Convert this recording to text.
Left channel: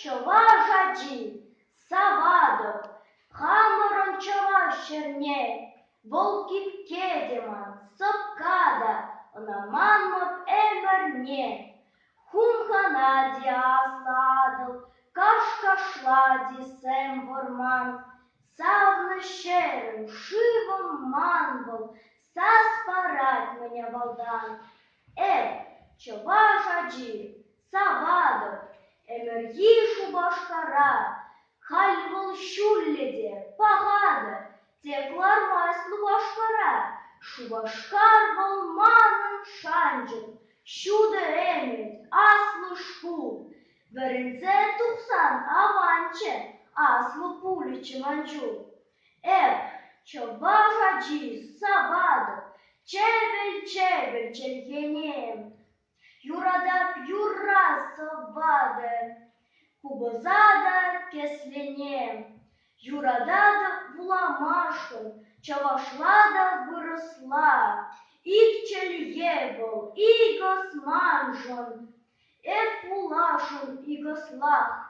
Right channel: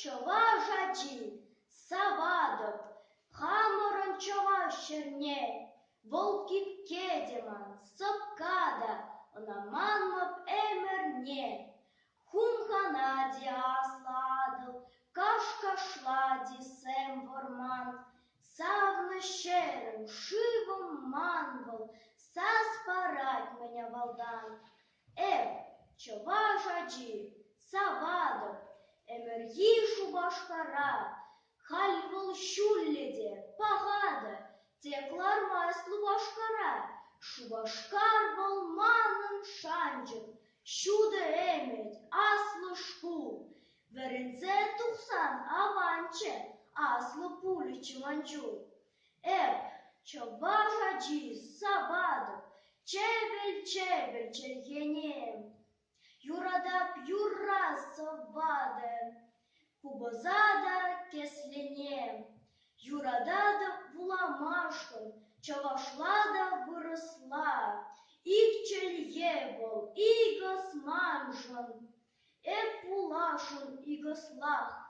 чова-жаджи, савадов, хаморон чова-щерне, волки кедеман, сопкада, онаманмоп эмерне, хумханади асладов, кашкашлади семворман, савны щерем, шивом манвол, саспарать меня волдан. Чова-жаджи, савадов, эмер-ишу башкара, хальвол щулледе, пагада, теклар маслу башкара, шубашкар вол манын шанжын, щуды эмет, аслы шку, верензе тухсан аванче, аслы пули чиманчу. Чова-жаджи, савадов, чевель-чевель чельгенем, юрадап юрра соваде, кубозада кесленем, юрадада вуламашком, чавашлада выросла, ик чельевол, игос манжон, пулашон игослах.